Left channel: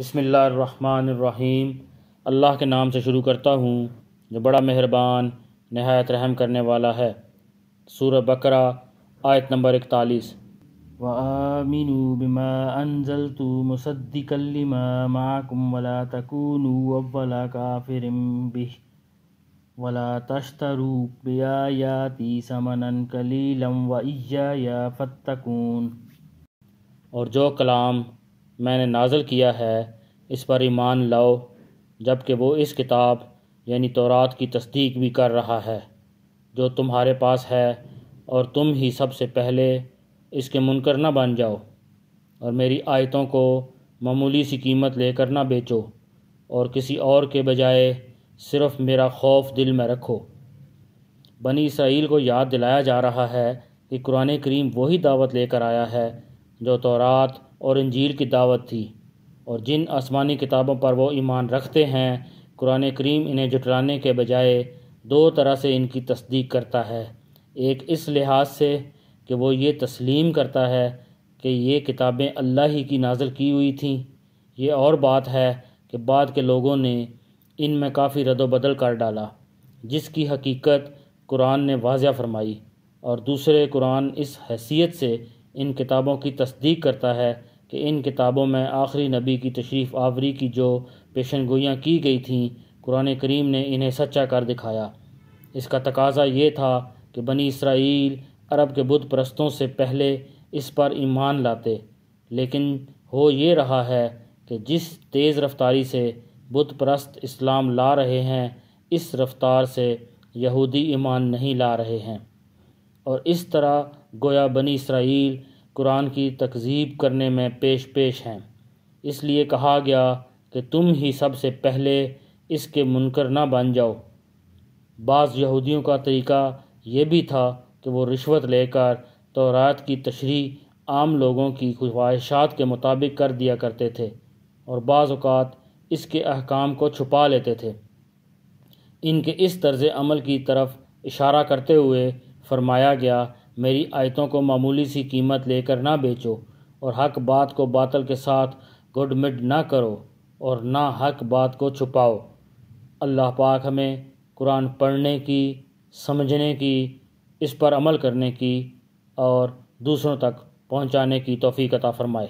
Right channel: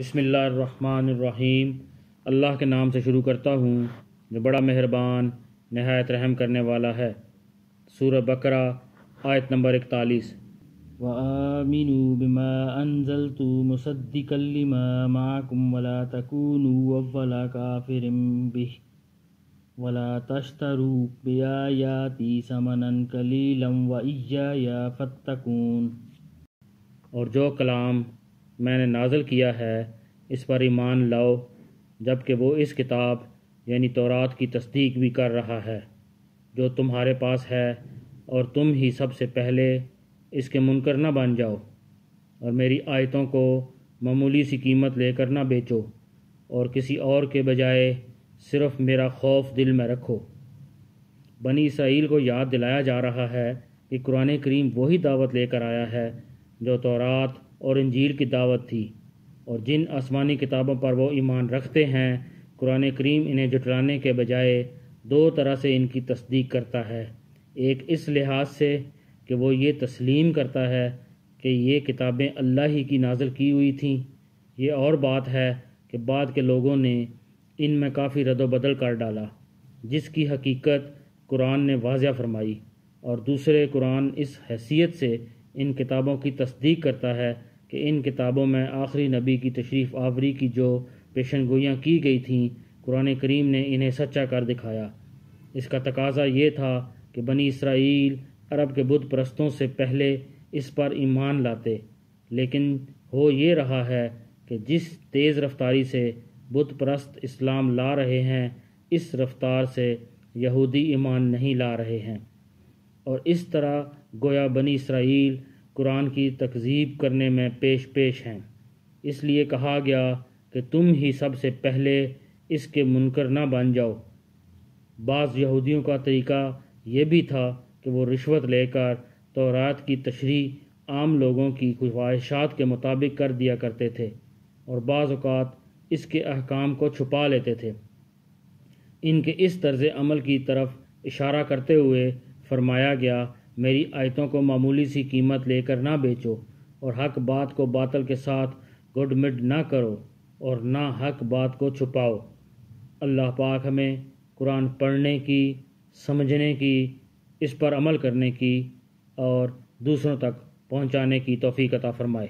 بسم اللہ الرحمن الرحیم۔ اللہ کے نام سے شروع کرتا ہوں جو بڑا مہربان نہایت رحم کرنے والا ہے۔ سورہ بقرہ آیت نمبر 41۔ وَآمِنُوا بِمَا أَنزَلْتُ مُصَدِّقًا لِمَا مَعَكُمْ وَلَا تَكُونُوا أَوَّلَ كَافِرٍ بِهِ وَلَا تَشْتَرُوا بِآيَاتِي ثَمَنًا قَلِيلًا وَإِيَّايَ فَاتَّقُونِ۔ اور جو کلام میں نے نازل کیا ہے اس پر ایمان لاؤ، جبکہ وہ اس کتاب یعنی تورات کی تصدیق بھی کر رہا ہے جو تمہارے پاس ہے، اور تم ہی سب سے پہلے اس کے منکر نہ بن جاؤ، اور میری آیتوں کو معمولی سی قیمت لے کر نہ بیچو، اور کسی اور کے بجائے صرف میرا خوف دل میں رکھو۔ بنی اسرائیل کو یاد دلایا جا رہا ہے کہ قرآن کریم وہی دعوت لے کر آیا ہے جو تورات اور انجیل کی دعوت تھی، اور جن آسمانی کتابوں پر وہ ایمان رکھتے ہیں قرآن کریم انہیں جھٹلانے کے بجائے دو طرح سے ان کی تصدیق کرتا ہے۔ ایک اس لحاظ سے کہ وہ یہ تسلیم کرتا ہے کہ یہ کتابیں اللہ ہی کی نازل کی ہوئی تھیں، یہ اور بات ہے کہ بعد کے لوگوں نے ان میں کافی رد و بدل کر ڈالا جس کی حقیقت قرآن نے واضح فرمائی، اور دوسرے قرآن اس حیثیت سے ان کتابوں کی تصدیق کرتا ہے کہ ان کتابوں میں آخری نبی کی تشریف آوری کی جو پیشن گوئیاں کی گئی تھیں قرآن کریم نے انہیں سچا کر دکھایا۔ اس کا تقاضا یہ تھا کہ بنی اسرائیل عرب کے بت پرستوں سے پہلے اس پر ایمان لاتے، لیکن ہو یہ رہا ہے کہ جس تیز رفتاری سے بت پرست اسلام لا رہے ہیں اس رفتار سے یہودی ایمان نہیں لا رہے ہیں، اور اس طرح گویا بنی اسرائیل قرآن کی تکذیب کرنے میں پیش ہیں۔ اس لیے کہا گیا کہ تم ہی سب سے پہلے اس کے منکر نہ بن جاؤ۔ بعض یہودیوں کا طریقہ یہ بھی تھا کہ وہ رشوت لے کر تورات کی تشریح عام لوگوں کی خواہشات کے مطابق کر دیا کرتے تھے، اور بعض اوقات اس کے احکام کو چھپا لیتے تھے۔ ان کے اس طرز عمل کی طرف اشارہ کرتے ہوئے فرمایا گیا، میری آیتوں کو معمولی سی قیمت لے کر نہ بیچو، اور حق بات کو باطل کے ساتھ گڈ مڈ نہ کرو، اور نہ حق بات کو چھپاؤ۔ اللہ پاک ہمیں قرآن پڑھنے کی، سمجھنے کی، اس پر عمل کرنے کی اور دوسروں تک پہنچانے کی توفیق عطا فرمائے۔